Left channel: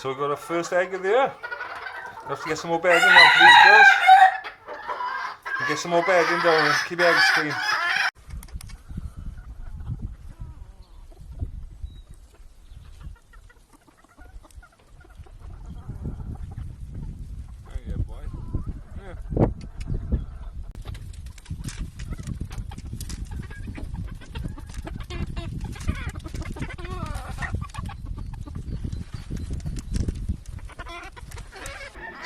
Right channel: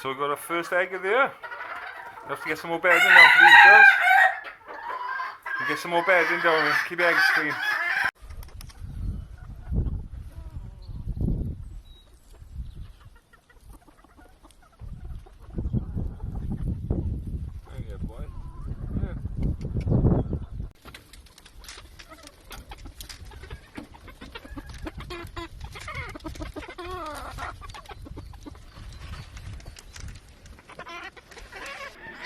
So we've got our first egg of the year. We have to get some more bedding down for these girls. Get some more bedding down and keep the eggs clean.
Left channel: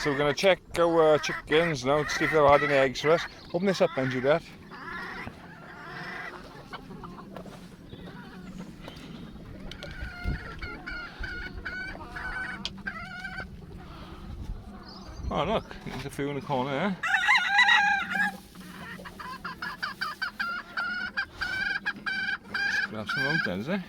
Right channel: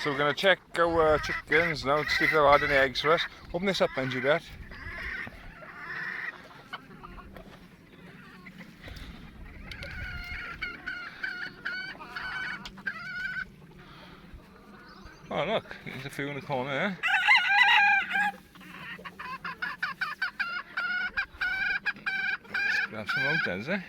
So we're going to check our chickens now to see if they've had any eggs for us. Open this up then, Juliet. Oh look, there's a few in the corner there. Let's grab some out then, is it?